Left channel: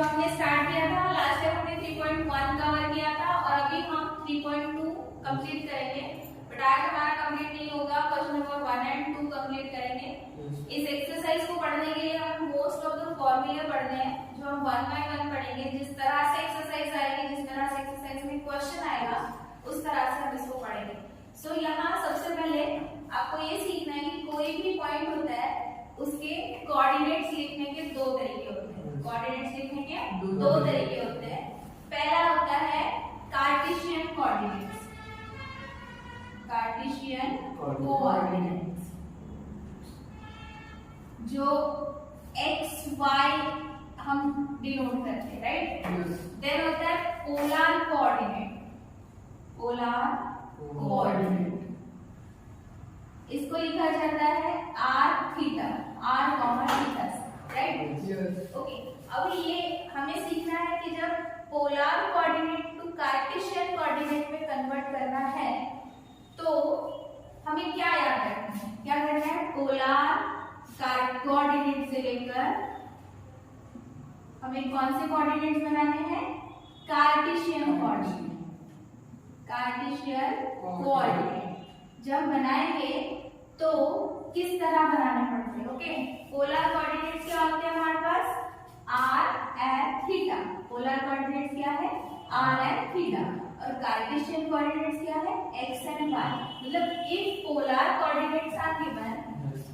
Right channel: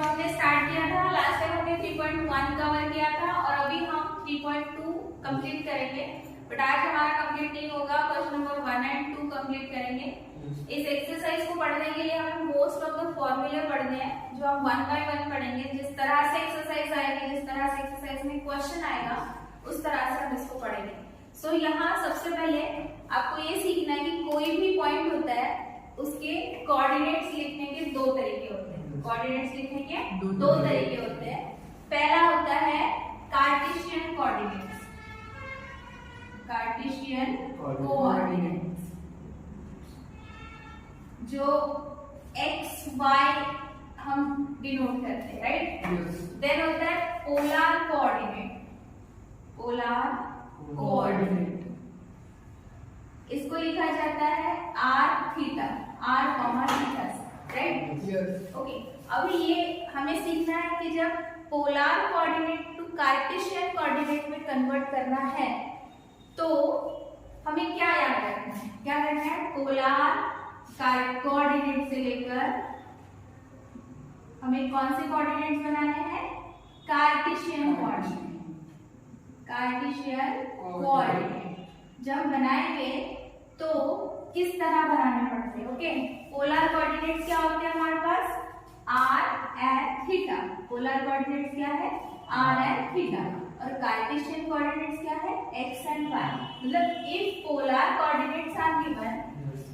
जो हमने स्टार्ट किया था लास्ट टाइम हमने 3.1 कवर किया था और अभी हम 3.2 कंप्लीट करेंगे, बट आज हमारा कंप्लीट नहीं होगा। क्वेश्चन नंबर 1 एंड 2 कंप्लीट करेंगे। इस एक्सरसाइज को पढ़ने के लिए हमें मोस्ट ऑफ द फॉर्मूले पढ़ने हैं जो हम 1 बाय 1 पढ़ेंगे। जिस तरह से एक्सरसाइज आएगी, जिस तरह से एक्सरसाइज में क्वेश्चन आएगा उस तरह से हम इसको पढ़ेंगे। सो यहाँ सबसे पहले आपको ये सीखना है कि कोई भी पॉइंट होता है उसके कोऑर्डिनेट्स लिखने के दो तरीके होते हैं। कोऑर्डिनेट्स लिखने के दो तरीके होते हैं। पहला होता है कार्टेशियन कोऑर्डिनेट्स, कार्टेशियन कोऑर्डिनेट्स जो x y हम डिनोट करते हैं, राइट। देन होता है पोलर कोऑर्डिनेट, पोलर कोऑर्डिनेट इसको लिखा जाता है r theta, r comma theta, right. Okay, अभी ये हमें सीखना है कि जब polar coordinate to Cartesian coordinate में कन्वर्ट करना है तो हमें क्या याद रखना है, क्या करना है। पोलर कोऑर्डिनेट से लेकर हमें कौन से कोऑर्डिनेट्स बनाने हैं, कार्टेशियन कोऑर्डिनेट, कार्टेशियन कोऑर्डिनेट जब बनाएंगे तो किस तरह बनाने पड़ते हैं। ओके, पोलर कोऑर्डिनेट्स क्या होते हैं हमारे पास, r and theta. Polar coordinates क्या है, r एंड थीटा, और कार्टेशियन कोऑर्डिनेट्स क्या है, x एंड y। मतलब if polar coordinates are given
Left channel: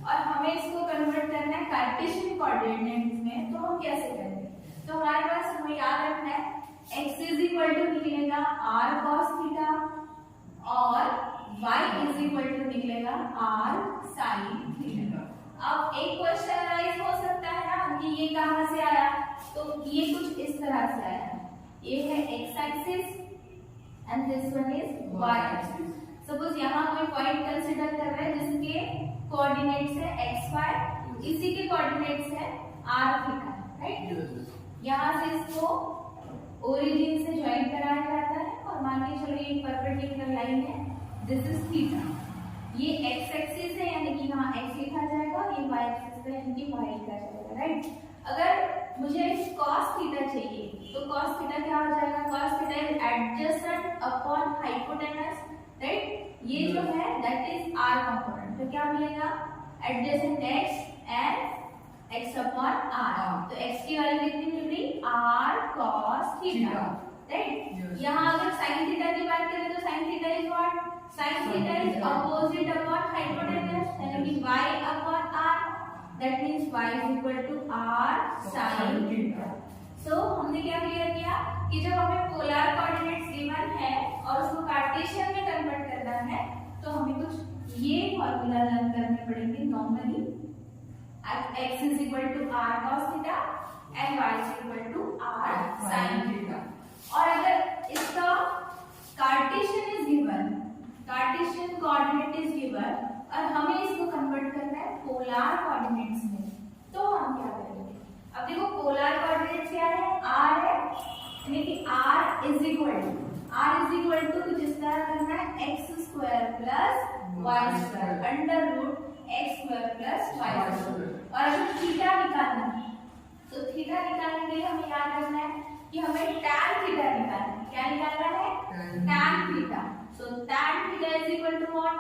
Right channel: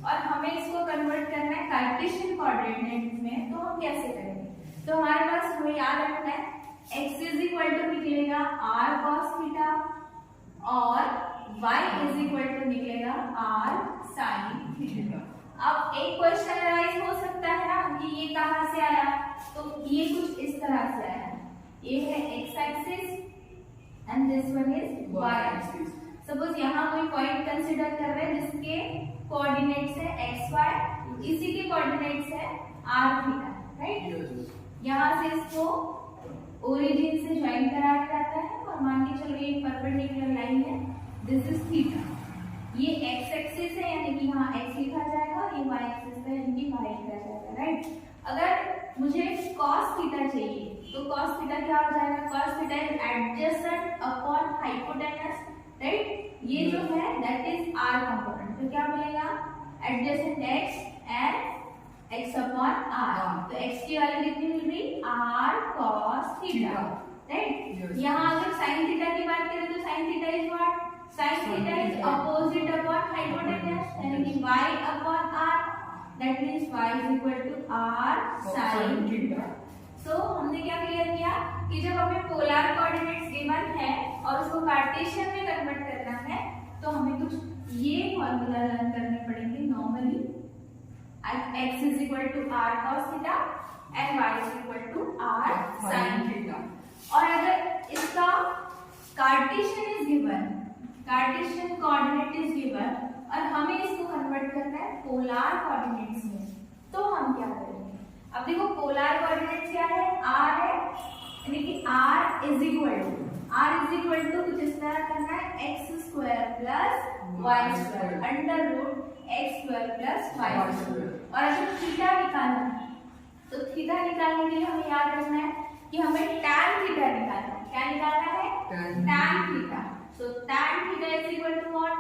और हमें इसको कन्वर्ट करना है कार्टेशियन कोऑर्डिनेट्स में, तो हम कैसे करेंगे। तो हमारे पास हमें याद रखना है x इज इक्वल टू निकलेगा r cos थीटा और y इज इक्वल टू निकलेगा r sin थीटा। अब एक क्वेश्चन राइज हो सकता है ना कि ये कहां से आया, तो ये कुछ इस तरह से आया। ये है x axis and this one is y axis. Suppose यहाँ कोई पॉइंट कंसीडर कर रहे हैं जिसके कोऑर्डिनेट्स है x y, इसी के कोऑर्डिनेट्स है r थीटा, राइट। यहाँ से इसको ओरिजिन से ज्वाइन कराया जाता है और मान के चलिए एक परपेंडिकुलर लाइन है, दिस इज थीटा। ये x एक्सिस है यानी कि यहाँ x लिखा जाएगा, ये y एक्सिस है यानी कि y लिखा जाएगा, राइट। अगर मुझे cos थीटा चाहिए तो cos थीटा क्या हो जाएगा, cos theta is adjacent upon hypotenuse, right. ये जो है दैट इज r कंपोनेंट, तो क्या मिलेगा, adjacent x and x upon r। तो x की वैल्यू कितनी मिल रही, r cos थीटा, राइट। यहाँ अगर sin थीटा की बात करें तो sin theta is what, sin theta is opposite upon hypotenuse यानी कि y अपॉन r, that means y is equal to r sin theta. So हमने क्या क्लियर किया कि जब हमें पोलर कोऑर्डिनेट्स गिवन है और उसको कार्टेशियन में कन्वर्ट करना है तो हमें कुछ ये फॉर्मूला लर्न करने पड़ेंगे normally. x is equal to r cos theta and y is equal to r sin theta. और अगर इसका Cartesian is given, Cartesian coordinate is given और हमें इसको कन्वर्ट करना है पोलर कोऑर्डिनेट्स में, तो हम क्या करेंगे। अब देखो पोलर कोऑर्डिनेट्स क्या है, r है यानी कि r इज इक्वल टू कुछ इस तरह करना है x square plus y square under root x square plus y square. और अगर थीटा निकालना है तो थीटा निकालने के लिए हमें याद रखना है कि हमें tan थीटा निकालना है। क्या निकालना है, tan theta. So tan theta is equal to what,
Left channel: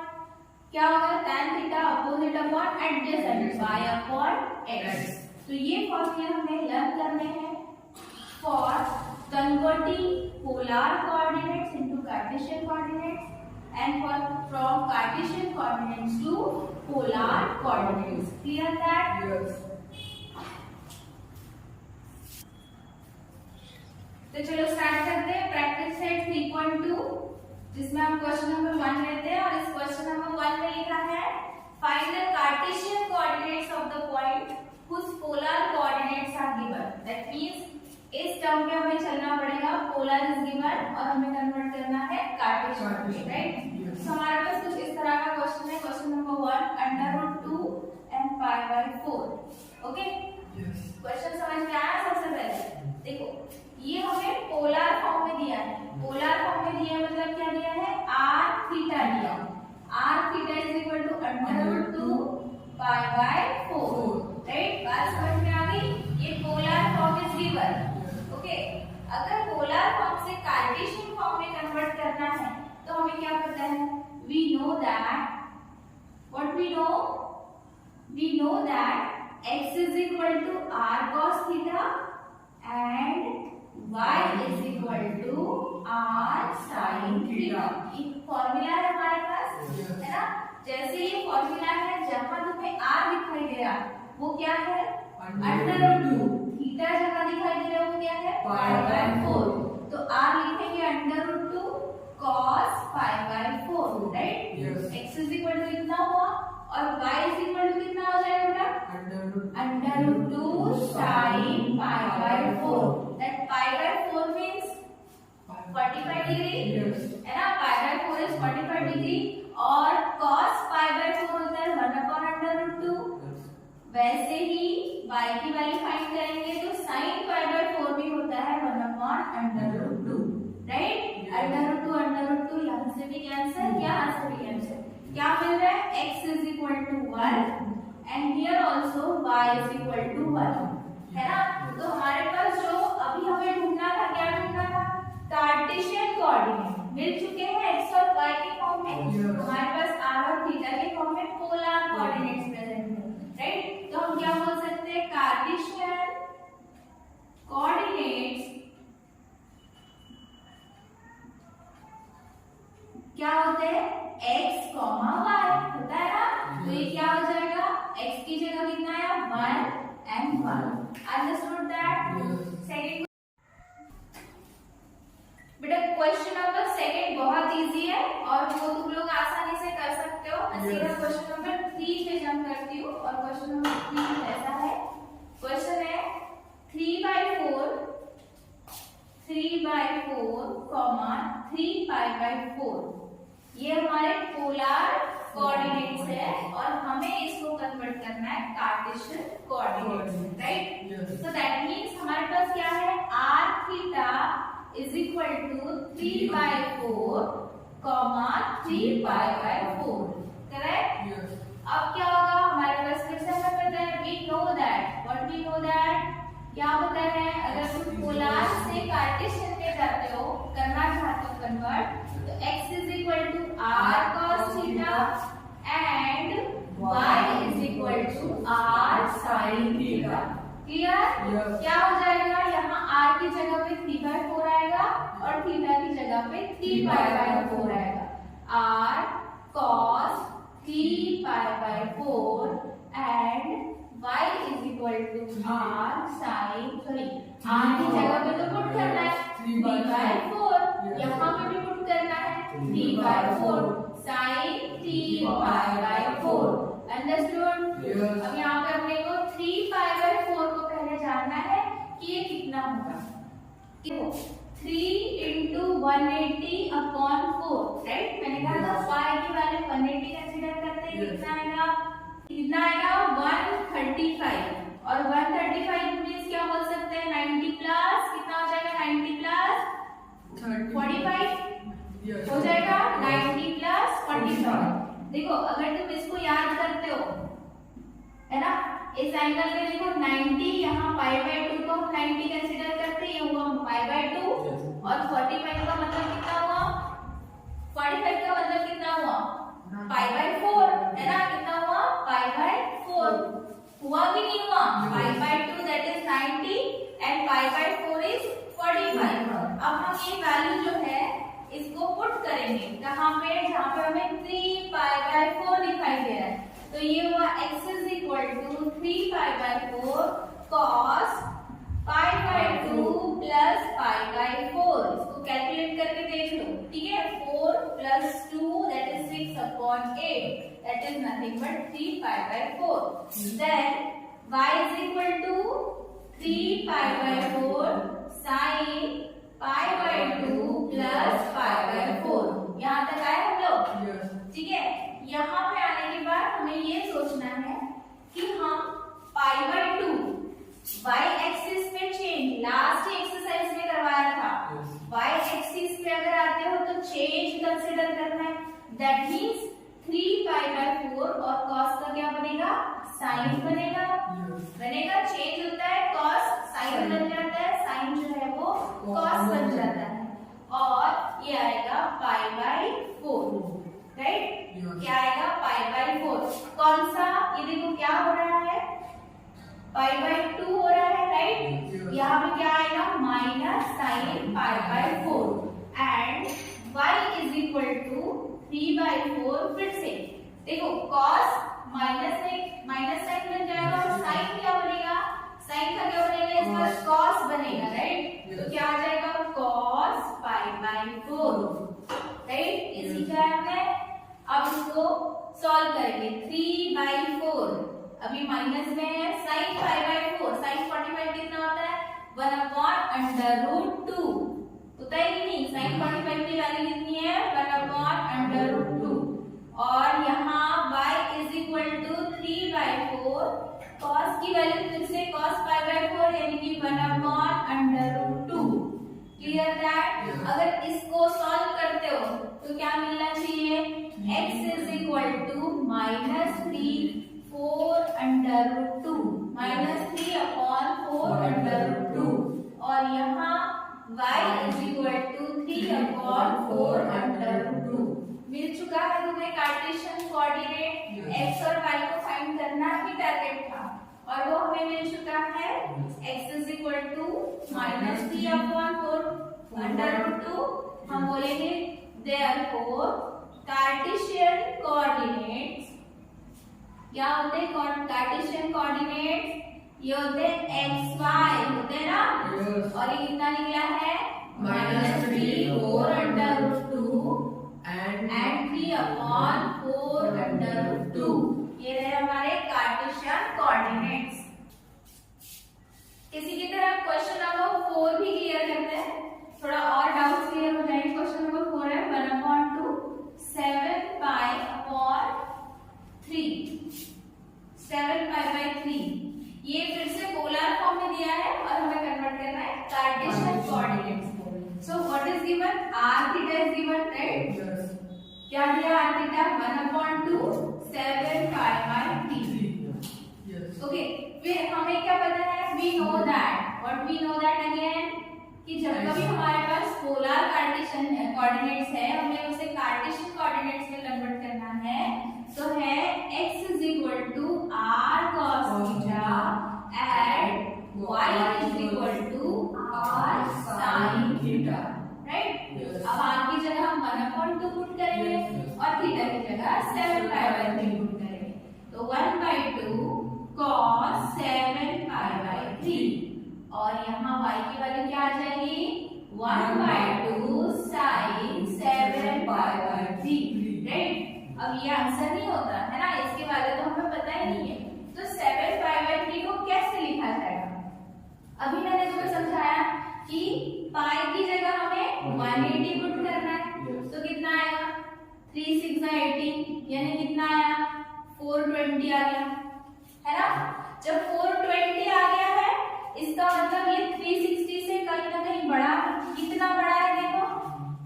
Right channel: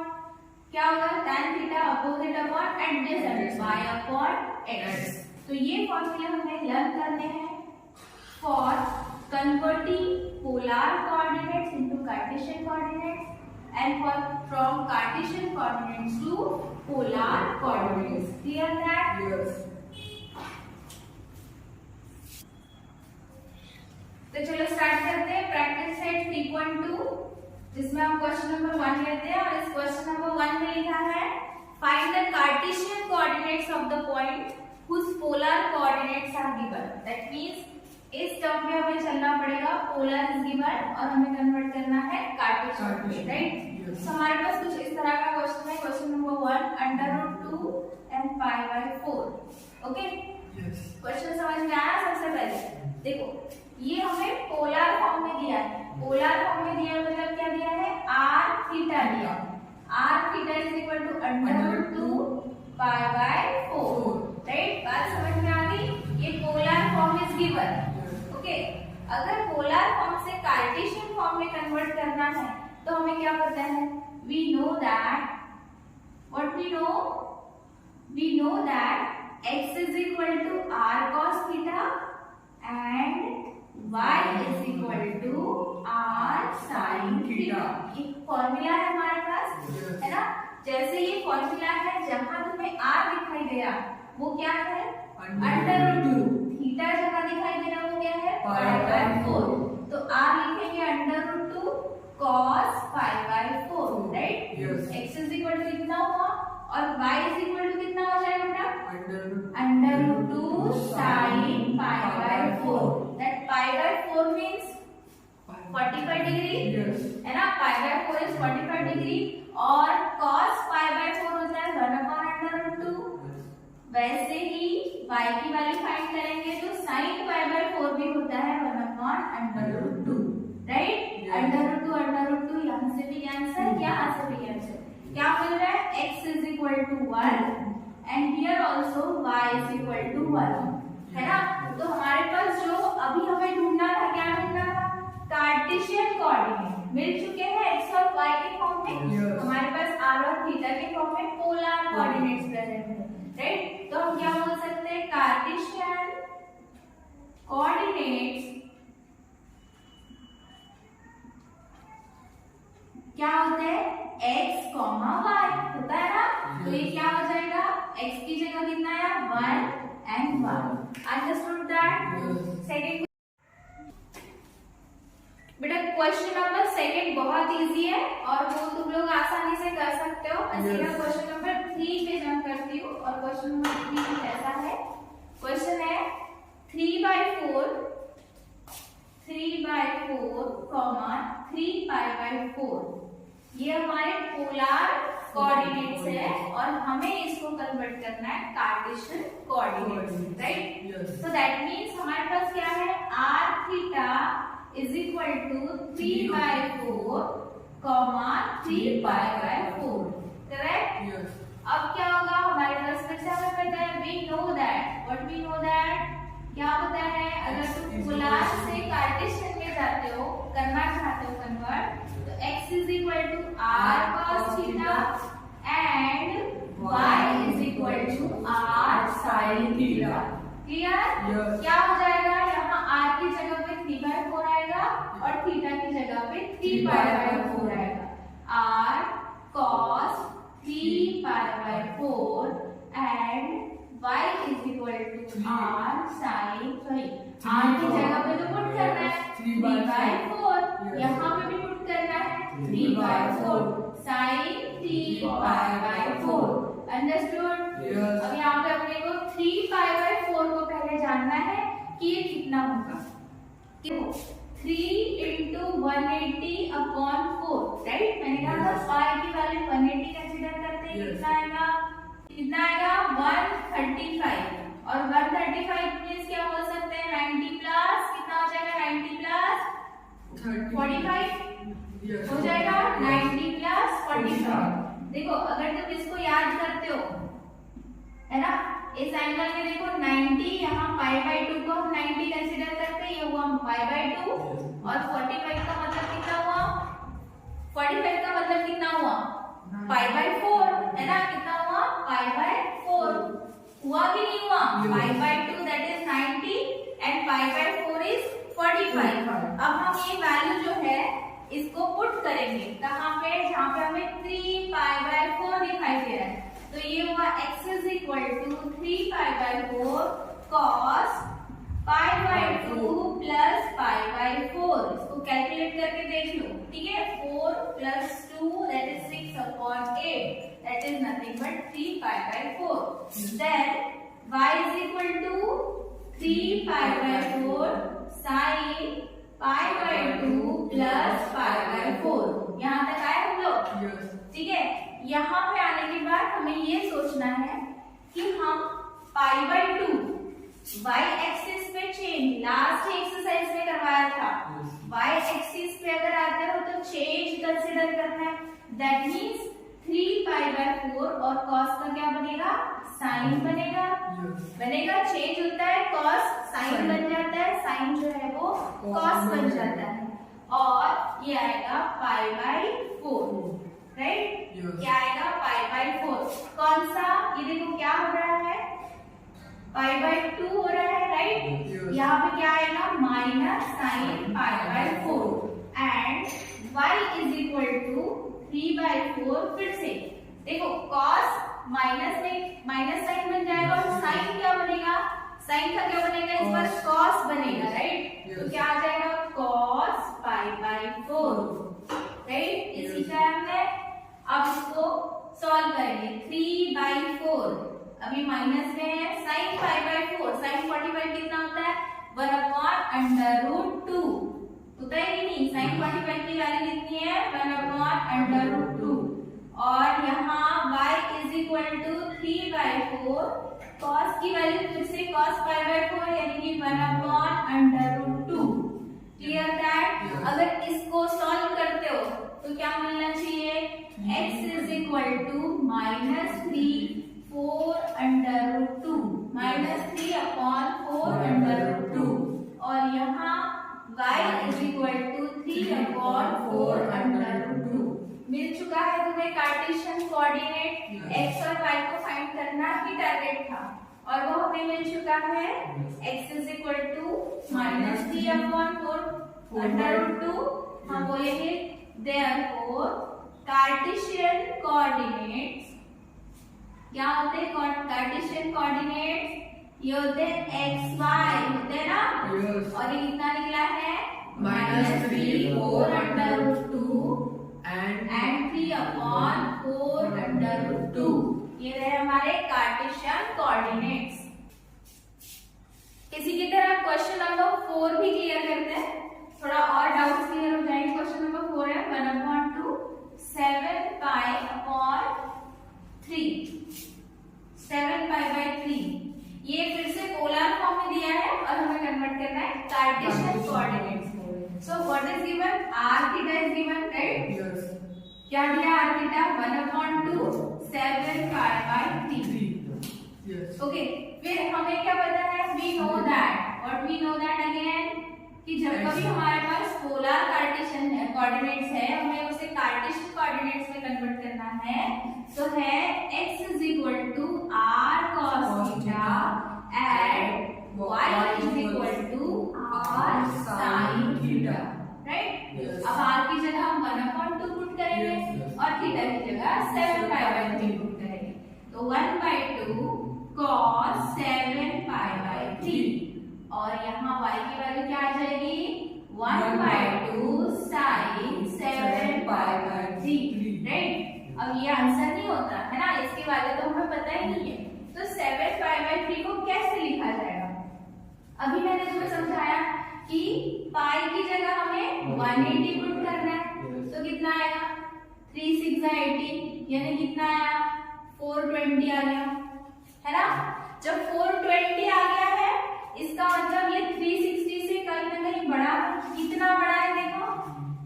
क्या होगा, tan theta opposite upon adjacent y upon x। तो ये फॉर्मूले हमें लर्न करने हैं for converting polar coordinates into Cartesian coordinates and from Cartesian coordinates to polar coordinates. Clear that? Yes. तो चलो स्टार्ट करते हैं प्रैक्टिस सेट 3.2 जिसमें हम क्वेश्चन नंबर 1 लेते हैं और इस क्वेश्चन नंबर 1 में लिखा है find the Cartesian coordinates of the point whose polar coordinates are given. That means इस टर्म पे हमें चलना पड़ेगा, पोलर इज गिवन और हमें कन्वर्ट करना है कार्टेशियन में, राइट। सो हमारे पास कुछ इस तरह का क्वेश्चन है, question number 1 √2 and π/4। Okay, question समझ में आया। सबसे पहले देखो ये हमें पोलर फॉर्म में दिया है, पोलर फॉर्म में दिया मतलब क्या दिया है, r थीटा दिया, r theta is equal to √2 π/4, right. बात समझ में आ गई। ये पोलर फॉर्म इज गिवन अगर पोलर फॉर्म से कार्टेशियन फॉर्म में कन्वर्ट करना है तो हमें क्या पता है? We know that x is equal to r cos theta and y is equal to r sin theta। एक फॉर्मूला है हमारे पास, है ना? जैसे ये फॉर्मूला है, जहां तुम्हें r दिखाई दे रहा वो क्या है? Under root. थीटा जहां दिखाई दे रहा वो क्या है? Pi by 4। तो r लिखेंगे under root 2 cos pi by 4, right? x is equal to इतना हुआ और y इज इक्वल टू कितना हो जाएगा बेटा? Under root 2 sin pi by 4। That pi by 4 means 45 degree, है ना? पाई बाय 4 इज 45 डिग्री और cos पाई बाय 4 होता है 1/√2। वैसे ही y की वैल्यू फाइंड करेंगे तो sin पाई बाय 4 भी होता है 1/√2, राइट? √2 यहाँ से भी कैंसिल, यहाँ से भी कैंसिल। क्या मिल रहा है? x is equal to 1 and here also y is equal to 1, है ना? तो हमारे पास जो अभी हमें ढूंढना था, क्या ढूंढना था? कार्टेशियन कोऑर्डिनेट मिल चुके हैं x और y के फॉर्म में। हमारे पास r और थीटा के फॉर्म में पोलर कोऑर्डिनेट्स प्रेजेंट है, राइट? तो हम क्या बोल सकते हैं? कार्टेशियन कोऑर्डिनेट्स क्या होते हैं? x, y होता है ना? तो ये क्या हो जाएगा? x की जगह कितना है? 1 and 1। Understood that? सेकंड बेटा क्वेश्चन नंबर सेकंड बहुत इजी है और वो तुम लोग आसानी से कर सकते हो। मैं सीधा क्वेश्चन नंबर 3 पे जंप करती हूँ और क्वेश्चन नंबर 3 ऐसा है। क्वेश्चन है 3/4, 3 पाई बाय 4 ये हमारे पोलर कोऑर्डिनेट्स है और हमें इसको कन्वर्ट करना है Cartesian coordinates, right? So that means हमारे पास क्या है? r theta is equal to 3/4, 3 pi by 4, correct? अब क्या होगा? हमारे पास फिर से हमें पता है, वी नो दैट क्या पता है? अगर तुम पोलर से कार्टेशियन में जाते हो, करना चाहते हो कन्वर्ट, तो x is equal to r cos theta and y is equal to r sin theta। Clear? क्या हो जाएगा? यहाँ r की जगह पे 3/4 आएगा और थीटा की जगह पे 3 पाई बाय 4 आएगा। r cos 3 pi by 4 and y is equal to r sin, r की जगह पे तो पुट करना है 3/4, यहाँ पे भी पुट करना है 3/4 sin 3 पाई बाय 4। अंडरस्टूड? अब यहाँ पे अपने को 3 पाई बाय 4 को पहले जानना है कि ये कितना होगा। 3 into 180/4, राइट? मैंने कहा था y की वैल्यू 180 कंसीडर करते हैं, कितना आएगा 135 और 135 मींस क्या बोल सकते हैं? 90 प्लस कितना हो जाएगा? 90 प्लस 45 हो जाएगा। 90 प्लस 45। देखो अगर तुम इसको याद करते हो, है ना? इस एंगल में देखो 90, यहाँ पाई बाय 2 को हम 90 कंसीडर करते हैं, ये हुआ पाई बाय 2 और 45 का मतलब कितना हुआ? 45 का मतलब कितना हुआ? पाई बाय 4, है ना? कितना हुआ? पाई बाय 4 हुआ कि नहीं हुआ? पाई by 2 that is 90 and pi by 4 is 45। अब हम ये वैल्यू जो है इसको पुट करेंगे कहाँ पे? जहाँ पे हमें 3 पाई बाय 4 दिखाई दे रहा है। तो ये हुआ x is equal to 3 pi by 4 cos pi by 2 plus pi by 4। इसको कैलकुलेट करके देख लो, ठीक है? 4 plus 2 that is 6/8, that is nothing but 3 pi by 4। Then y is equal to 3 pi by 4 sin pi by 2 plus pi by 4। यहाँ तक आए हम लोग? ठीक है? यहाँ पे आने के बाद हमें ये सोचना है कि हम पाई बाय 2 y एक्सिस पे चेंज लास्ट एक्सरसाइज में करवाया था, y एक्सिस पे अगर आते हो तो चेंज कंसीडर करना है। दैट मींस 3 पाई बाय 4 और cos का क्या बनेगा? साइन बनेगा। चेंज होता है cos साइन बन जाता है, साइन जो है वो कॉस बन जाता है और ये आएगा π/4, राइट। क्या आएगा π/4। कौन सा, ये देखो क्या हो रहा है, π/2 हो रहा है, राइट। यहाँ पे क्या आएगा minus sine π/4 and y is equal to 3/4। फिर से देखो कॉस माइनस में माइनस साइन बन जाएगा और साइन क्या बनेगा, साइन का क्या बनेगा, इस पर कॉस बनेगा, राइट। तो क्या आ जाएगा कॉस π/4, राइट। इसी तरह है, अब इसको सॉल्व करेंगे। 3/4 अभी माइनस में है, साइन π/4, साइन 45 कितना होता है 1/√2 होता है कि नहीं। साइन 45 की वैल्यू कितनी है 1/√2 और यहाँ y is equal to 3/4, cos की वैल्यू फिर से cos π/4 यानी कि 1/√2। Clear that. अगर इसको सॉल्व करते हो तो क्या मिलना चाहिए, x इज इक्वल टू -3 4/√2 -3/4/√2 और यहाँ y इज इक्वल टू 3/4/√2। मिल चुका है तुम्हें कार्टेशियन कोऑर्डिनेट। x और y को फाइंड करना ही टारगेट था और वो हमें मिल चुका है। x is equal to -3/4/√2। हम बोलेंगे देयरफॉर कार्टेशियन कोऑर्डिनेट्स क्या होते हैं, कार्टेशियन कोऑर्डिनेट्स ये होते हैं xy होते हैं ना। और ये कितना निकला है -3 4/√2 एंड 3/4/√2। ये रहे हमारे कार्टेशियन कोऑर्डिनेट्स। इसी की तरह क्वेश्चन नंबर 4 भी क्लियर करते हैं, थोड़ा और डाउट्स क्लियर हो जाएंगे। क्वेश्चन नंबर 4 है 1/2 7π/3 7π/3। ये फिर से पोलर फॉर्म में दिया है और हमें कन्वर्ट करना है Cartesian coordinates. So what is given, r theta is given, right. क्या दिया r थीटा 1/2 7π/3। ओके, फिर हमें क्या पता है, वी नो दैट अगेन कि जब कभी हमारे पास पोलर कार्टेशियन कोऑर्डिनेट्स है हमें उसे कार्टेशियन कोऑर्डिनेट्स में कन्वर्ट करना है। तो है x is equal to r cos theta and y is equal to r sin theta, right. अब r की जगह हम 1/2 पुट करेंगे और थीटा की जगह 7π/3 पुट करेंगे। तो 1/2 cos 7π/3 और यहाँ y की वैल्यू क्या आ जाएगी 1/2 sin 7π/3, राइट। अब ये आंसर नहीं होता है ना, इसके बारे तो हमें पता ही नहीं है। तो 7π/3 को कैसे लिखा जाएगा, अभी मैंने तुम्हें समझाया कि पाई की जगह हमें 180 पुट करना है। तो कितना आएगा 3 6 18 यानी कितना आया 420 आ गया, है ना। जब 420 आ गया है इसका मतलब ये 360 से कहीं ना कहीं बड़ा, कितना बड़ा है देखो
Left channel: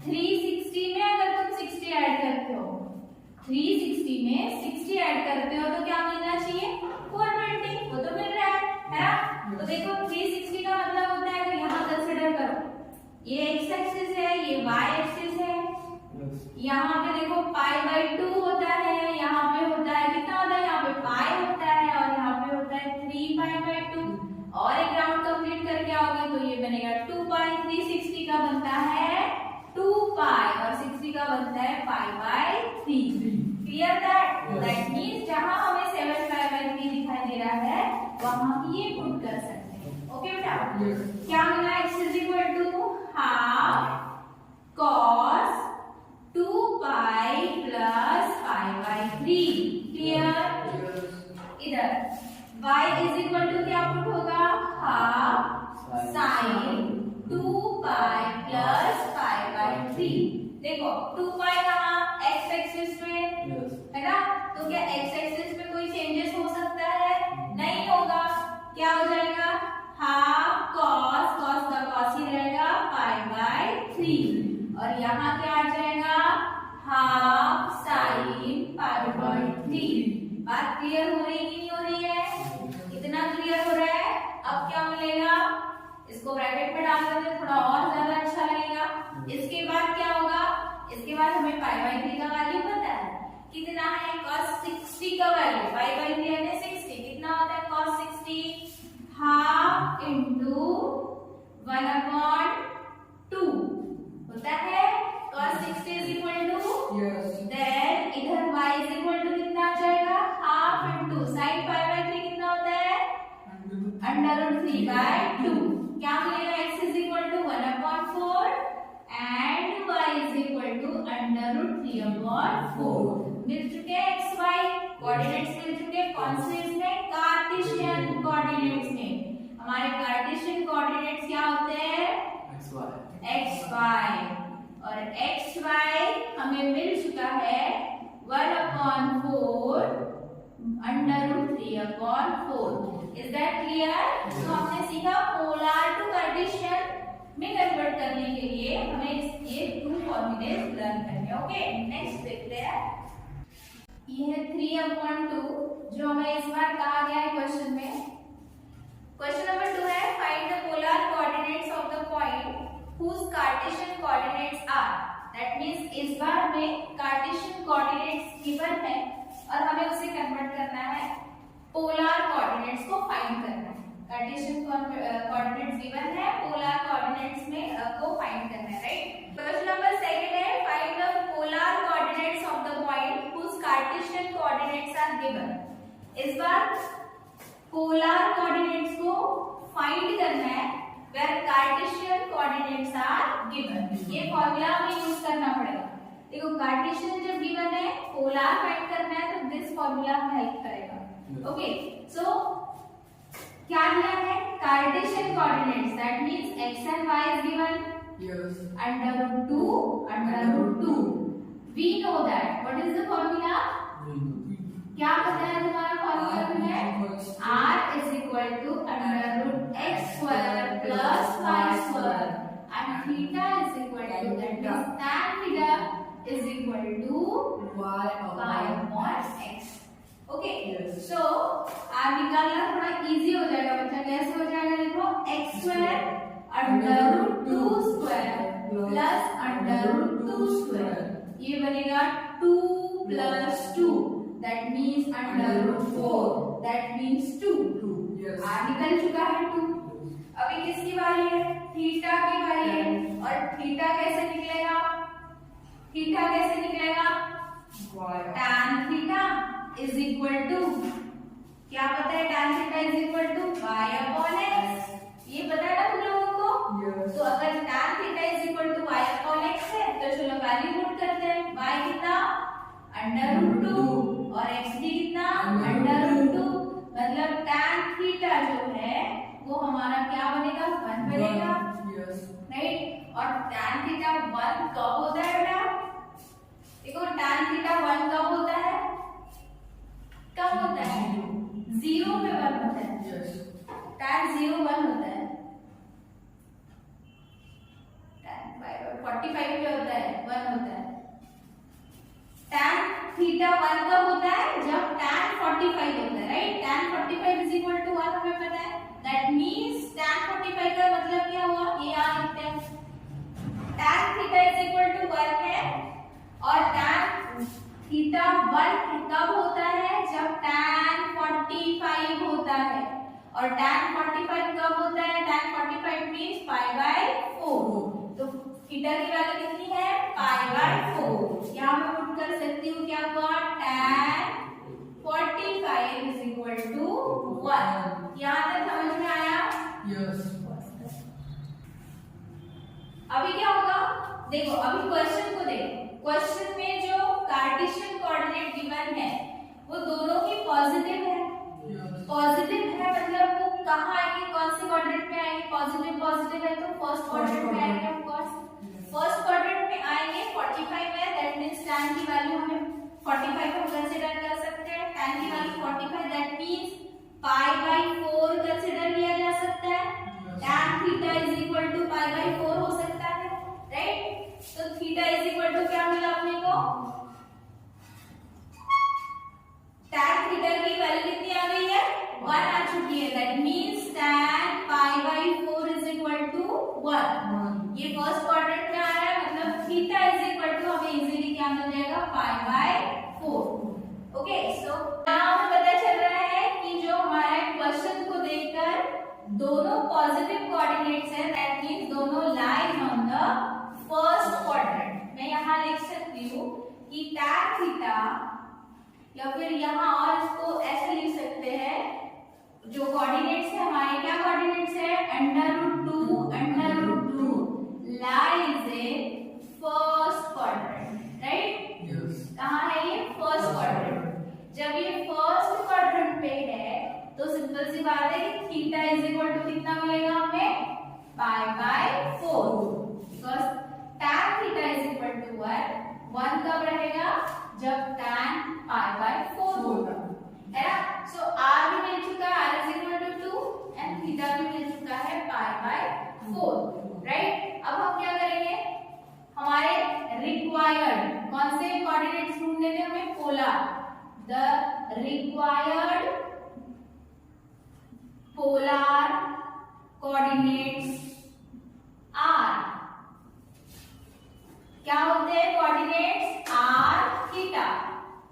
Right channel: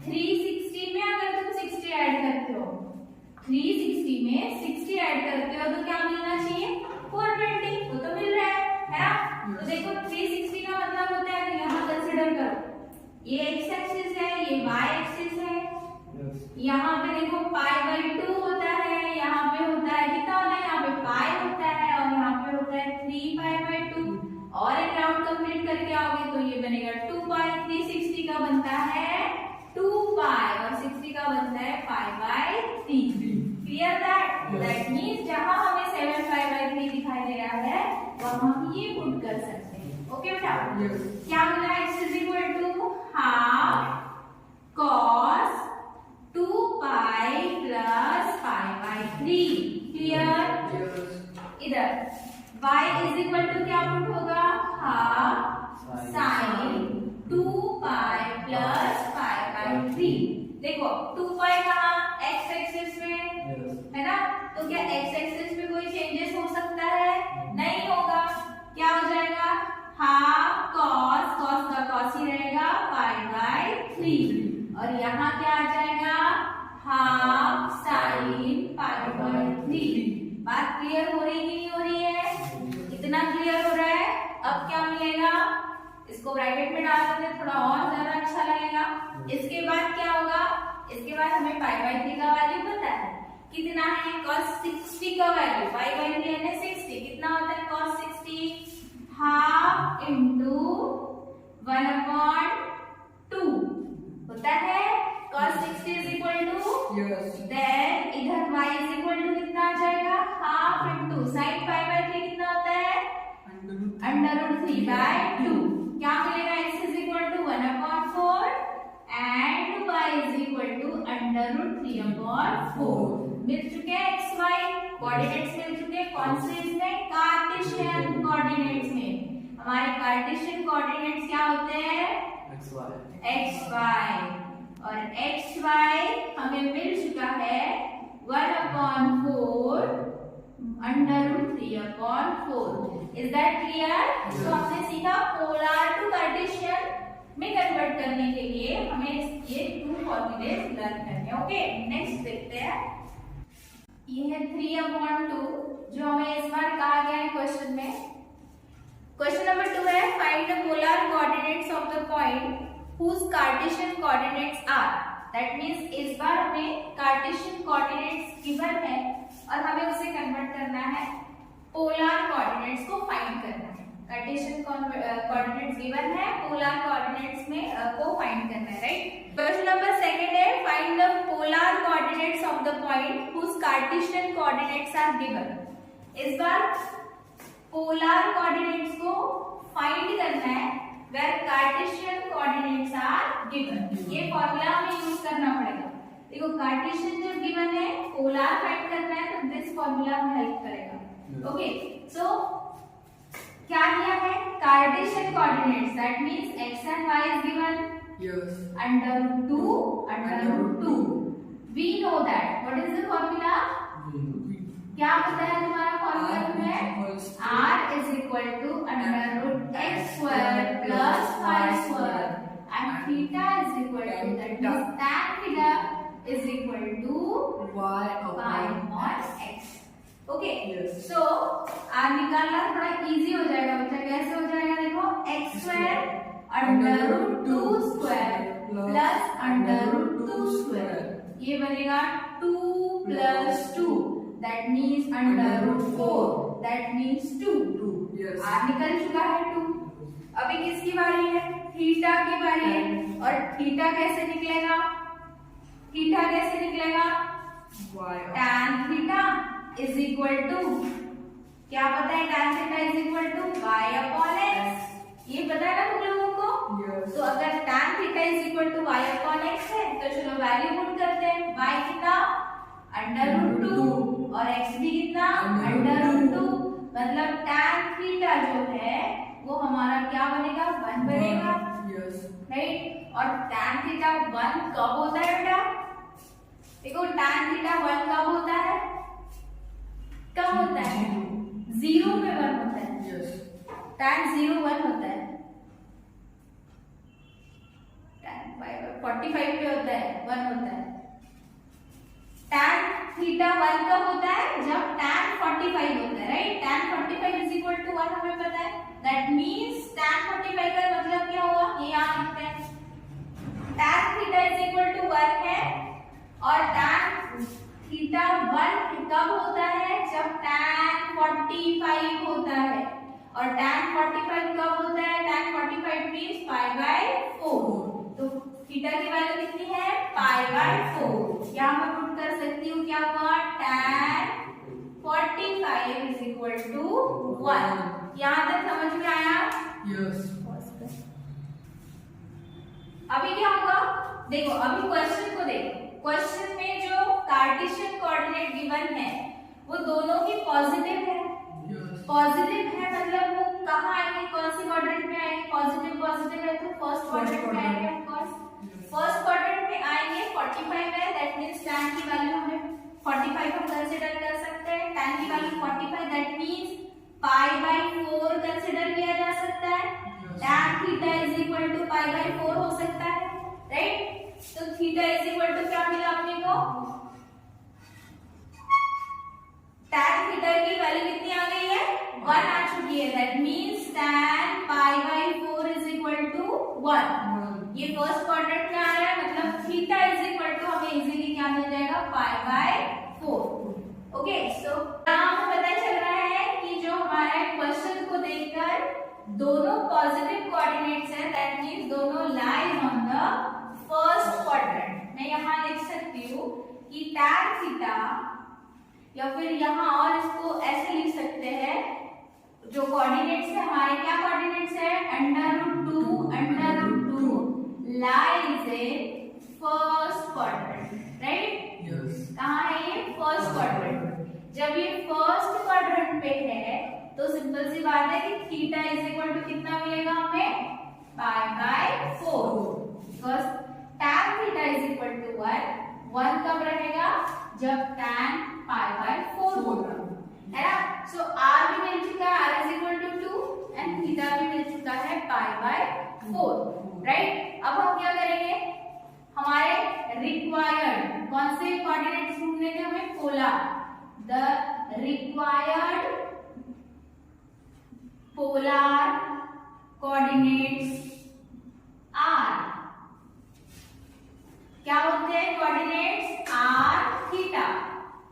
360 में अगर तुम 60 ऐड करते हो 360 में 60 ऐड करते हो तो क्या मिलना चाहिए 420, वो तो मिल रहा है ना। तो देखो 360 का मतलब होता है, तो यहाँ कंसीडर करो ये x एक्सिस है ये y एक्सिस है। यहाँ पे देखो π/2 होता है, यहाँ पे होता है कितना होता है, यहाँ पे पाई होता है और यहाँ पे होता है 3π/2 और एक राउंड कंप्लीट करके आओगे तो ये बनेगा 2π। 360 का बनता है 2π और 60 का बनता है π/3। क्लियर दैट मींस जहां हमें 7π/3 दिखाई दे रहा है वहां हम ये पुट कर सकते हैं। ओके बेटा, क्या मिला x is equal to half cos 2π plus π/3। Clear. इधर y इज इक्वल टू क्या पुट होगा हाफ साइन 2π प्लस π/3। देखो 2π कहाँ x एक्सिस पे है ना, तो क्या x एक्सिस पे कोई चेंजेस हो सकता है, नहीं होगा। क्या हो जाएगा हाफ cos का cos ही रहेगा π/3 और यहाँ क्या आ जाएगा हाफ साइन π/3। बात क्लियर हो रही कि नहीं हो रही है, इतना क्लियर हो रहा है। अब क्या मिलेगा, इसको ब्रैकेट में डाल देते थोड़ा और इसके बाद क्या होगा, इसके बाद हमें पाई बाई 3 का वैल्यू पता है कितना है, cos 60 का वैल्यू पाई बाई 3 यानी 60 कितना होता है, cos 60 हाफ इंटू 1/2 होता है। cos 60 is equal to, then इधर y इज इक्वल टू कितना आ जाएगा, half into sine pi by 3 कितना होता है, √3/2। क्या मिलेगा, x is equal to 1/4 and y is equal to √3/4। मिल चुके हैं x y कोऑर्डिनेट्स, मिल चुके हैं कौन से, इसमें कार्टेशियन कोऑर्डिनेट्स में। हमारे कार्टेशियन कोऑर्डिनेट्स क्या होते हैं, x y, और x y हमें मिल चुका है 1/4 √3/4। Is that clear? तो हमने सीखा पोलर टू कार्टेशियन में कन्वर्ट करने के लिए हमें ये 2 फॉर्मूले लर्न करने हैं। ओके, नेक्स्ट देखते हैं। ये है 3/2 जो हमें इस बार कहा गया है क्वेश्चन में। क्वेश्चन नंबर 2 है, find the polar coordinates of the point whose Cartesian coordinates are। That means इस बार हमें Cartesian coordinates गिवन है और हमें उसे कन्वर्ट करना है, पोलर कोऑर्डिनेट्स को फाइंड करना है। Cartesian coordinates गिवन है, पोलर कोऑर्डिनेट्स में को फाइंड करना है, राइट। क्वेश्चन नंबर 2 है, find the polar coordinates of the point whose Cartesian coordinates are given। इस बार पोलर कोऑर्डिनेट्स को फाइंड करना है where Cartesian coordinates are given। ये फॉर्मूला हमें यूज करना पड़ेगा। देखो कार्टेशियन जब गिवन है, पोलर फाइंड करना है, तो दिस फॉर्मूला हमें हेल्प करेगा। ओके, सो क्या दिया है, Cartesian coordinates, that means x and y is given, √2 we know that। what is the formula? क्या बताया तुम्हारा फॉर्मूला तुम्हें, r is equal to √x square plus y square and theta is equal to, that means tan theta is equal to y upon x। Okay, so r निकालना थोड़ा easy हो जाएगा बच्चा। कैसे हो जाएगा, देखो x square √2 square plus √2 square, ये बनेगा 2 plus 2, that means √4, that means 2। r निकल चुका है 2। अभी किसकी बारी है, थीटा की बारी है। और थीटा कैसे निकलेगा, थीटा कैसे निकलेगा, tan theta is equal to, क्या पता है, tan theta is equal to y upon x। ये पता है ना तुम लोगों को। तो अगर tan theta is equal to y upon x है, तो चलो वैल्यू पुट करते हैं। y कितना, √2 और x भी कितना, √2। मतलब tan थीटा जो है वो हमारा क्या बनेगा, 1 बनेगा, राइट। और tan थीटा 1 कब होता है बेटा, देखो tan थीटा 1 कब होता है, कब होता है, 0 पे 1 होता है। tan 0 1 होता है, tan 45 पे होता है, 1 होता है। tan थीटा 1 कब होता है, जब tan 45 होता है, right. tan 45 is equal to 1 हमें पता है, दैट मींस tan 45 का मतलब क्या हुआ, ये यहाँ लिखते हैं। tan theta is equal to 1 है और tan थीटा 1 कब होता है, जब tan 45 होता है। और tan 45 कब होता है, tan 45 मींस π/4। तो थीटा की वैल्यू कितनी है, π/4। यहाँ मैं पुट कर सकती हूँ, क्या हुआ, tan 45 इज इक्वल टू 1। यहाँ तक समझ में आया? यस। अभी क्या होगा, देखो अभी क्वेश्चन को देखो। क्वेश्चन में जो कार्टेशियन कोऑर्डिनेट गिवन है वो दोनों की पॉजिटिव है। पॉजिटिव है मतलब वो कहाँ आएंगे, कौन से क्वाड्रेंट में आएंगे, पॉजिटिव पॉजिटिव है तो फर्स्ट क्वाड्रेंट में आएंगे। ऑफ कोर्स फर्स्ट क्वाड्रेंट में आएंगे। 45 है, दैट मींस tan की वैल्यू हमें 45 हम कंसीडर कर सकते हैं। tan की वैल्यू 45, दैट मींस π/4 कंसीडर किया जा सकता है। tan theta is equal to π/4 हो सकता है, राइट। तो थीटा इज इक्वल टू क्या मिला अपने को, tan थीटा की वैल्यू कितनी आ गई है, 1 आ चुकी है। That means tan π/4 is equal to 1। ये फर्स्ट क्वाड्रेंट में आ रहा है थीटा इज इक्वल टू हमें इजीली क्या मिल जाएगा, π/4। ओके, सो यहाँ हमें पता चल रहा है कि जो हमारे क्वेश्चन को देखकर दोनों पॉजिटिव कोऑर्डिनेट्स है, दैट मींस दोनों lies on the first quadrant. मैं यहाँ लिख सकती हूँ कि tan थीटा, या फिर यहाँ और इसको ऐसे लिख सकते हैं, जो कोऑर्डिनेट्स है हमारे, क्या कोऑर्डिनेट्स है, √2 lies in first quadrant, right? कहाँ है ये, फर्स्ट क्वाड्रेंट। जब ये फर्स्ट क्वाड्रेंट पे है तो सिंपल सी बात है कि थीटा इज इक्वल टू कितना मिलेगा हमें, π/4, because tan theta is equal to 1 कब रहेगा, जब tan π/4 होगा, है ना? सो r भी मिल चुका है, r is equal to 2 and theta भी मिल चुका है π/4, राइट? अब हम क्या करेंगे, हमारे रिक्वायर्ड कौन से कोऑर्डिनेट्स ढूंढने थे हमें, polar, the required polar coordinates are, क्या होते हैं कोऑर्डिनेट्स, r थीटा।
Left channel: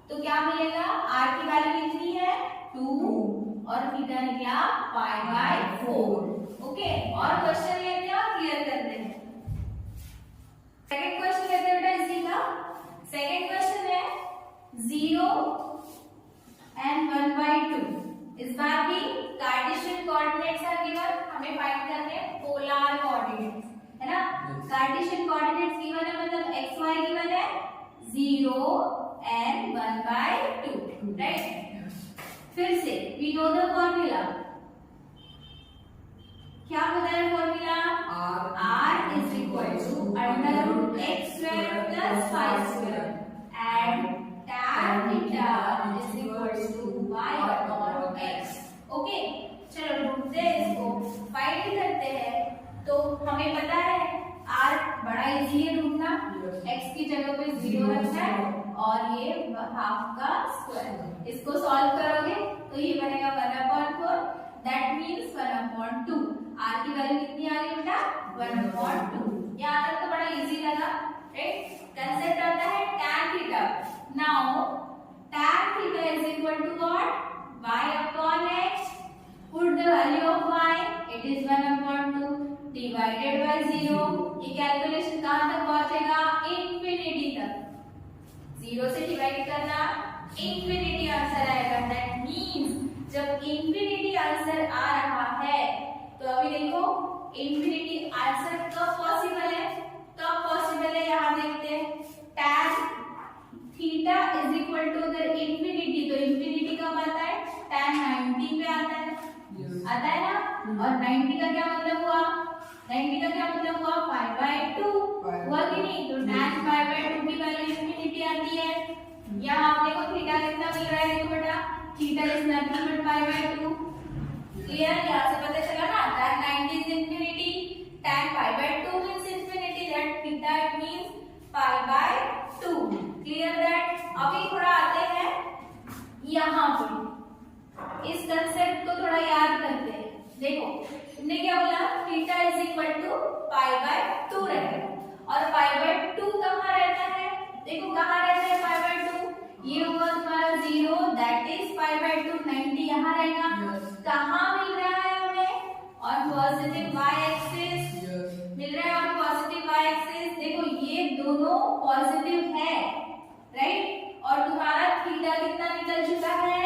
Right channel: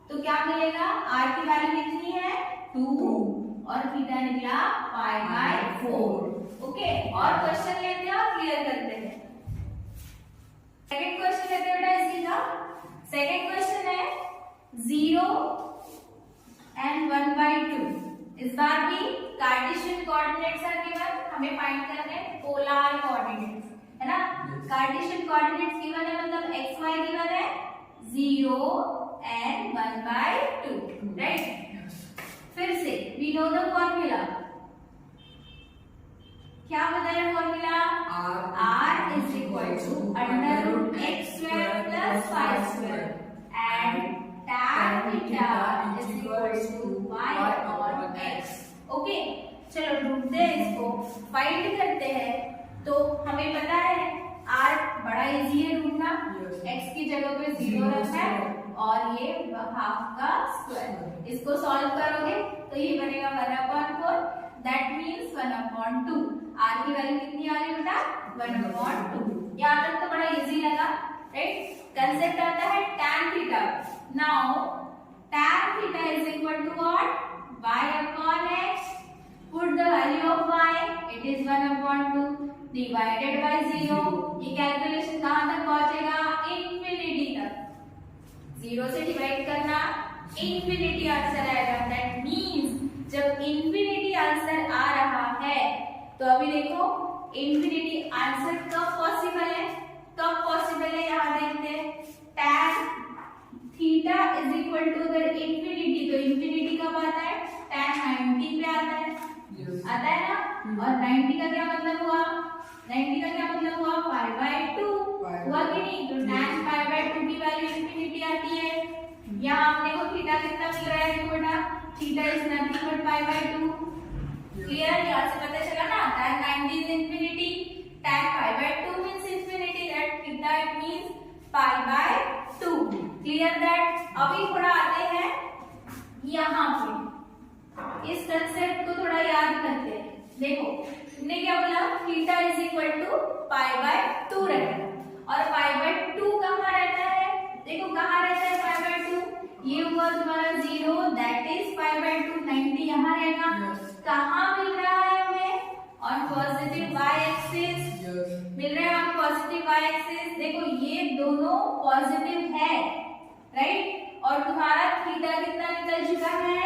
तो क्या मिलेगा, r की वैल्यू कितनी है, 2 और थीटा निकला π/4। ओके, और क्वेश्चन लेते हैं और क्लियर करते हैं। सेकंड क्वेश्चन लेते हैं बेटा इसी का। सेकंड क्वेश्चन है 0 and 1/2। इस बार भी कार्टेशियन कोऑर्डिनेट्स आर गिवन, हमें फाइंड करने पोलर कोऑर्डिनेट्स, है ना? कार्टेशियन कोऑर्डिनेट्स गिवन है, मतलब xy गिवन है 0 and 1/2, राइट? फिर से वी नो द फॉर्मूला, क्या बताया formula, r is equal to √x² + y² and tan theta is equal to y/x। Okay, चलो ढूंढते हैं इसको, फाइंड करते हैं। तो हमें पता है r बड़ा इजी है ढूंढना, x की जगह पे 0 रखना है और ये हाफ का स्क्वायर। इसको सॉल्व करोगे तो ये बनेगा 1/4, दैट मींस 1/2। r की वैल्यू कितनी आ रही है बेटा, 1/2। यहाँ तक तो बड़ा इजी लगा, राइट? कंसेप्ट आता है tan theta. Now tan theta is equal to what, y/x, put the value of y, it is 1/2 divided by 0। ये कैलकुलेशन कहां तक पहुंचेगा, इंफिनिटी तक। 0 से डिवाइड करना, इंफिनिटी आंसर आएगा, दैट मींस जब इंफिनिटी आंसर आ रहा है तो अभी देखो इंफिनिटी आंसर कब पॉसिबल है, कब पॉसिबल है यहाँ देखते हैं। tan theta is equal to, अगर इंफिनिटी, तो इंफिनिटी कब आता है, tan 90 पे आता है, आता है ना? और 90 का क्या मतलब हुआ, 90 का क्या मतलब हुआ, π/2 हुआ कि नहीं? तो tan π/2 की वैल्यू इंफिनिटी आती है। यहाँ आपने को थीटा कितना मिल रहा है, देखो बेटा, theta is nothing but π/2। Clear, यहाँ से पता चला ना, tan 90 is infinity, tan π/2 means infinity, that theta it means π/2। Clear that? अभी थोड़ा आते हैं यहाँ पे, इस कंसेप्ट को थोड़ा याद करते हैं। देखो तुमने क्या बोला, थीटा इज इक्वल टू π/2 रहता है, और π/2 कहाँ रहता है, देखो कहाँ रहता है π/2, ये हुआ तुम्हारा 0, दैट इज π/2, 90 यहाँ रहेगा। कहाँ मिल रहा है हमें, ऑन पॉजिटिव y एक्सिस मिल रहा है, ऑन पॉजिटिव y एक्सिस। देखो ये दोनों पॉजिटिव है, राइट? और तुम्हारा थीटा कितना निकल चुका है,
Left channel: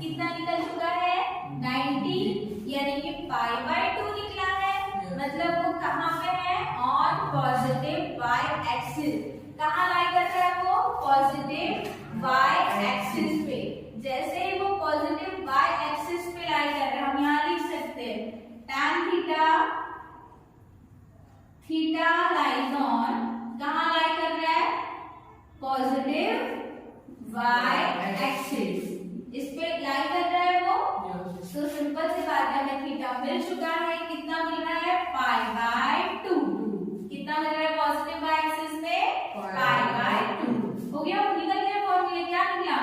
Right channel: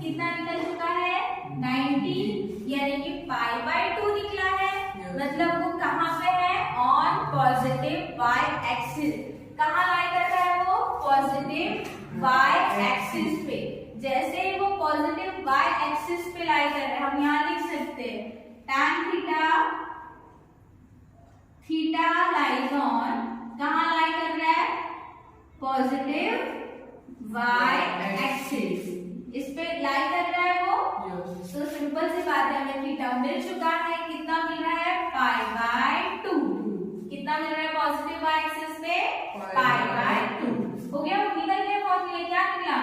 कितना निकल चुका है, 90, यानी कि π/2 निकला है, मतलब वो कहाँ पे है, ऑन पॉजिटिव y एक्सिस। कहाँ लाई कर रहा है वो, पॉजिटिव y एक्सिस पे। जैसे ही वो पॉजिटिव y एक्सिस पे लाई कर रहा है, हम यहाँ लिख सकते हैं tan थीटा लाइज ऑन, कहाँ लाई कर रहा है, पॉजिटिव y एक्सिस, इस पे लाई कर रहा है वो। तो सिंपल सी बात है, हमें थीटा मिल चुका है, कितना मिल रहा है, π/2। कितना मिल रहा है पॉजिटिव y एक्सिस पे, π/2। हो गया, वो निकल गए फॉर्मूले, क्या निकला,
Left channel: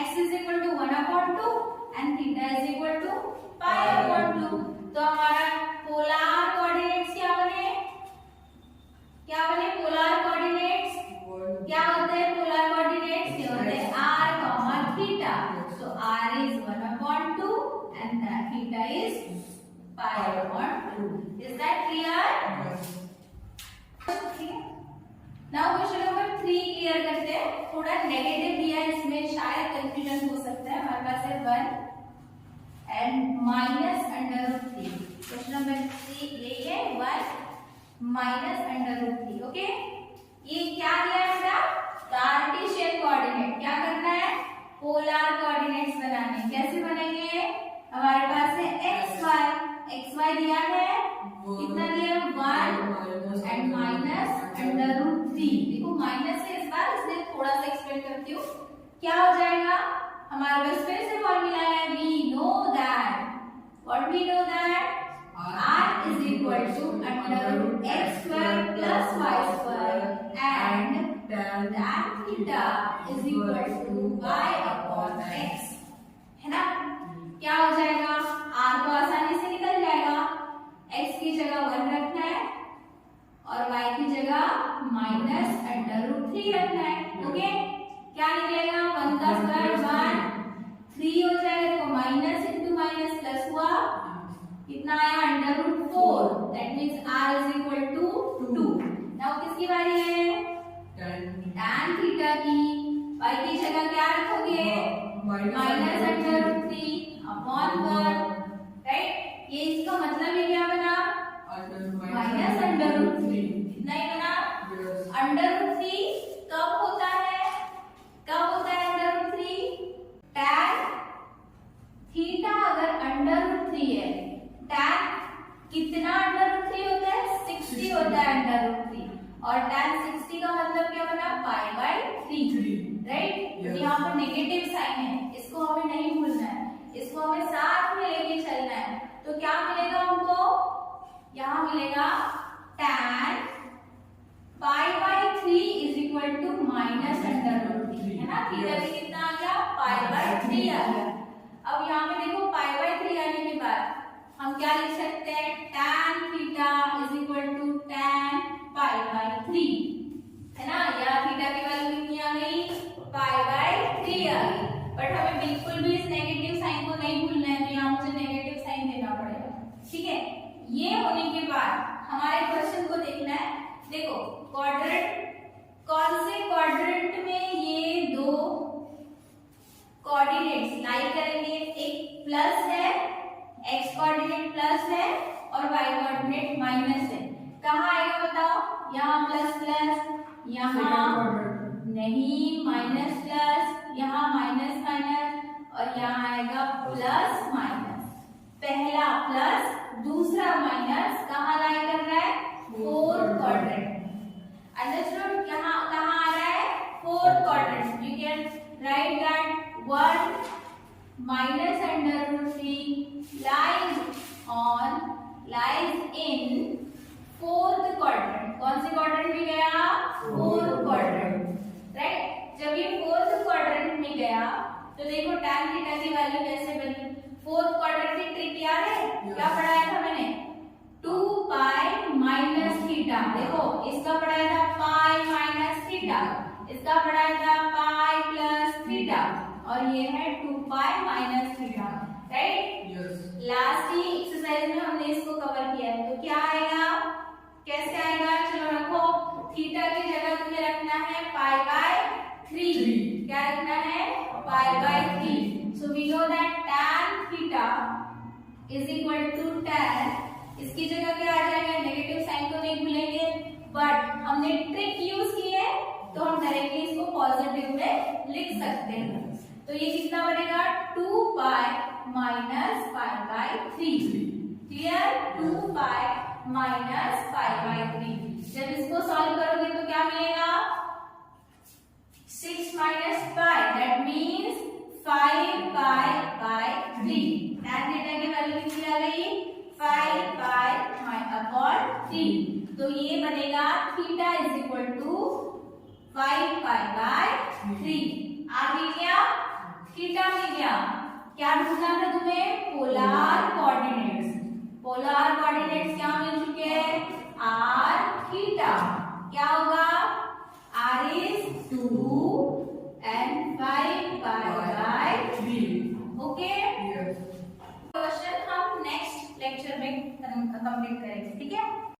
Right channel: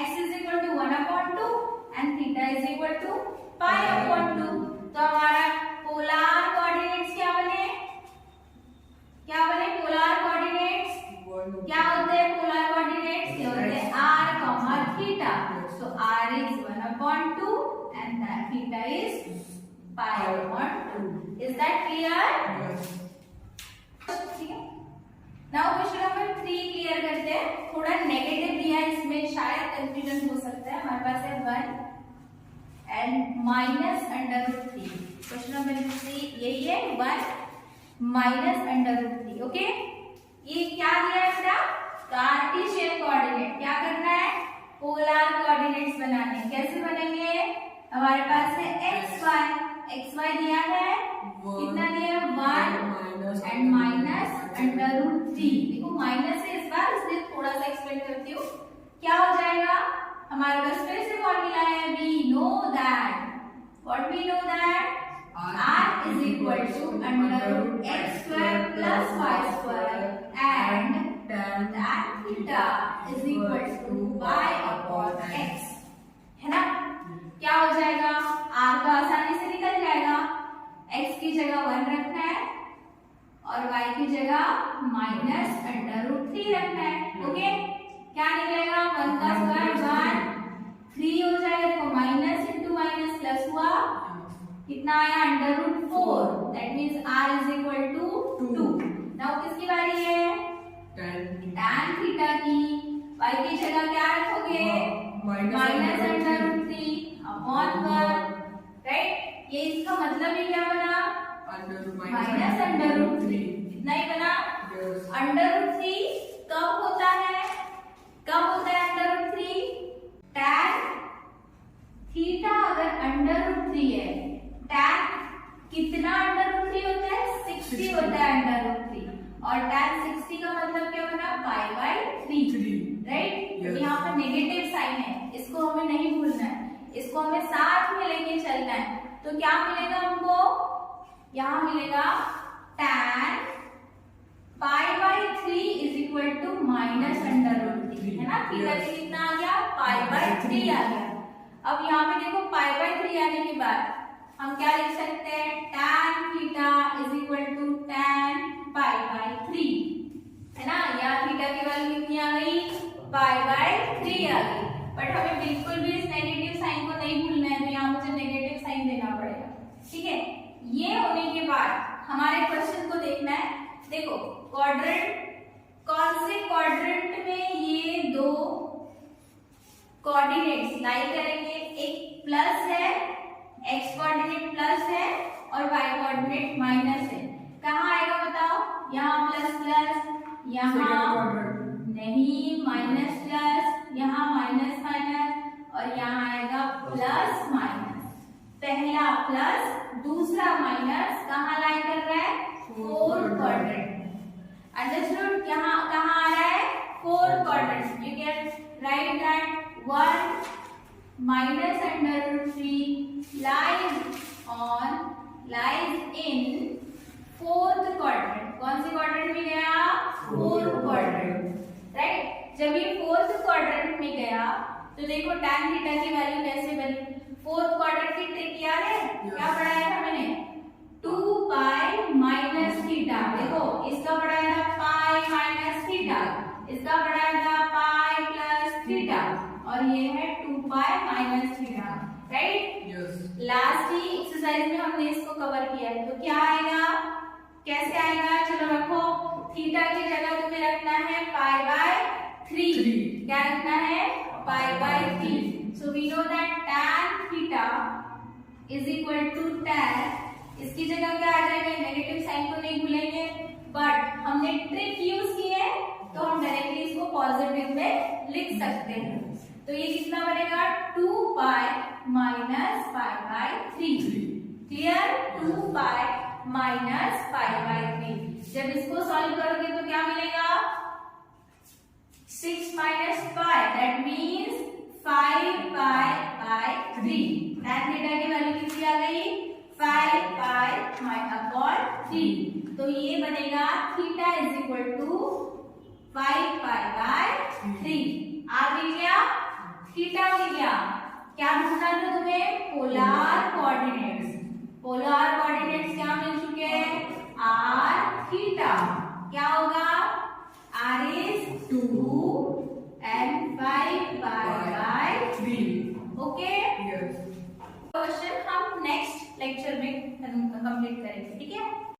x is equal to 1/2 and theta is equal to π/2। तो हमारा पोलर कोऑर्डिनेट्स क्या बने, क्या बने, polar pi/2. Is that clear? ठीक है। नाउ क्वेश्चन नंबर 3 क्लियर करते हैं। थोड़ा नेगेटिव दिया है, इसमें शायद कंफ्यूजन हो सकता है। हमारे पास है 1 एंड -√3। क्वेश्चन नंबर 3 यही है, 1 -√3। ओके, ये क्या दिया है बेटा? Cartesian coordinate. क्या करना है? पोलर कोऑर्डिनेट्स बनाने। कैसे बनेंगे? हमारे पास है xy दिया है, कितना दिया है? 1 एंड -√3। देखो माइनस है इस बार, इसलिए थोड़ा सा एक्सप्लेन करती हूँ। क्या हो जाएगा? हमारे पास फिर से फॉर्मूला है, we know that, what we know that, r is equal to √x² plus y² and tan theta is equal to y/x, है ना? क्या हो जाएगा? r तो आसानी से निकल जाएगा, x की जगह 1 रखना है और y की जगह -√3 रखना है। ओके, क्या निकलेगा? 1 का स्क्वायर 1, 3 हो जाएगा। देखो माइनस इंटू माइनस प्लस हुआ, कितना आया? √4। That means r is equal to 2। Now किसकी बारी है? tan थीटा की। y की जगह क्या रखोगे? -√3 अपॉन 1, राइट? ये इसका मतलब ही क्या बना? -√3। कितना ही बना? √3 कब होता है? कब होता है √3? tan थीटा अगर √3 है, tan कितना √3 होता है? 60 होता है √3। और tan 60 का मतलब क्या बना? pi/3, right? यहाँ पर नेगेटिव साइन है, इसको हमें नहीं भूलना है, इसको हमें साथ में लेके चलना है। तो क्या मिलेगा हमको? यहाँ मिलेगा tan pi/3 is equal to -√3, है ना? थीटा से कितना आ गया? pi/3 आ गया। अब यहाँ पे देखो pi/3 आने के बाद हम क्या लिख सकते हैं? tan theta is equal to tan pi/3, है ना? यहाँ थीटा की वैल्यू कितनी आ गई? pi/3 आ गई। बट हमें बिल्कुल भी इस नेगेटिव साइन को नहीं भूलना है, तो यहाँ मुझे नेगेटिव साइन देना पड़ेगा। ठीक है, ये होने के बाद हमारे क्वेश्चन को देखना है। देखो क्वाड्रेंट, कौन से क्वाड्रेंट में ये दो कोऑर्डिनेट्स लाई करेंगे? एक प्लस है, x कोऑर्डिनेट प्लस है और y कोऑर्डिनेट माइनस है। कहाँ आएगा बताओ? यहाँ प्लस प्लस, यहाँ नहीं माइनस प्लस, यहाँ माइनस माइनस और यहाँ आएगा प्लस माइनस। पहला प्लस, दूसरा माइनस, कहाँ लाइन कर रहा है? 4th quadrant. अंडरस्टूड? यहाँ कहाँ आ रहा है? 4th quadrant. You can write that 1 -√3 lies in 4th quadrant. कौन सी क्वाड्रेंट में गया? 4th quadrant, right? जब ये 4th क्वाड्रेंट में गया तो देखो tan थीटा की वैल्यू कैसे बनी? 4th क्वाड्रेंट की ट्रिक याद है? क्या पढ़ाया था मैंने? 2 pi -थीटा। देखो इसका पढ़ाया था pi -थीटा, इसका पढ़ाया था pi +थीटा और ये है 2 pi -थीटा, राइट? लास्ट ही एक्सरसाइज में हमने इसको कवर किया है। तो क्या आएगा? कैसे आएगा? चलो रखो, थीटा की जगह तुम्हें रखना है pi/3। क्या रखना है? pi/3। So we know that tan theta is equal to tan, इसकी जगह क्या आ जाएगा? नेगेटिव साइन को नहीं भूलेंगे, बट हमने ट्रिक यूज की है तो हम डायरेक्टली इसको पॉजिटिव में लिख सकते हैं। तो ये कितना बनेगा? 2 pi -pi/3। Clear? 2 pi -pi/3। जब इसको सॉल्व करोगे तो क्या मिलेगा? 6 - pi, that means 5 pi/3। tan theta की वैल्यू कितनी आ गई? 5 pi/3। तो ये बनेगा theta is equal to 5 pi/3। आ गई क्या? थीटा मिल गया। क्या ढूंढना था तुम्हें? Polar coordinates. पोलर कोऑर्डिनेट्स क्या मिल चुके हैं? r theta. क्या होगा? r is 2 and 5 pi/3। Okay, question हम नेक्स्ट लेक्चर में करेंगे, ठीक है।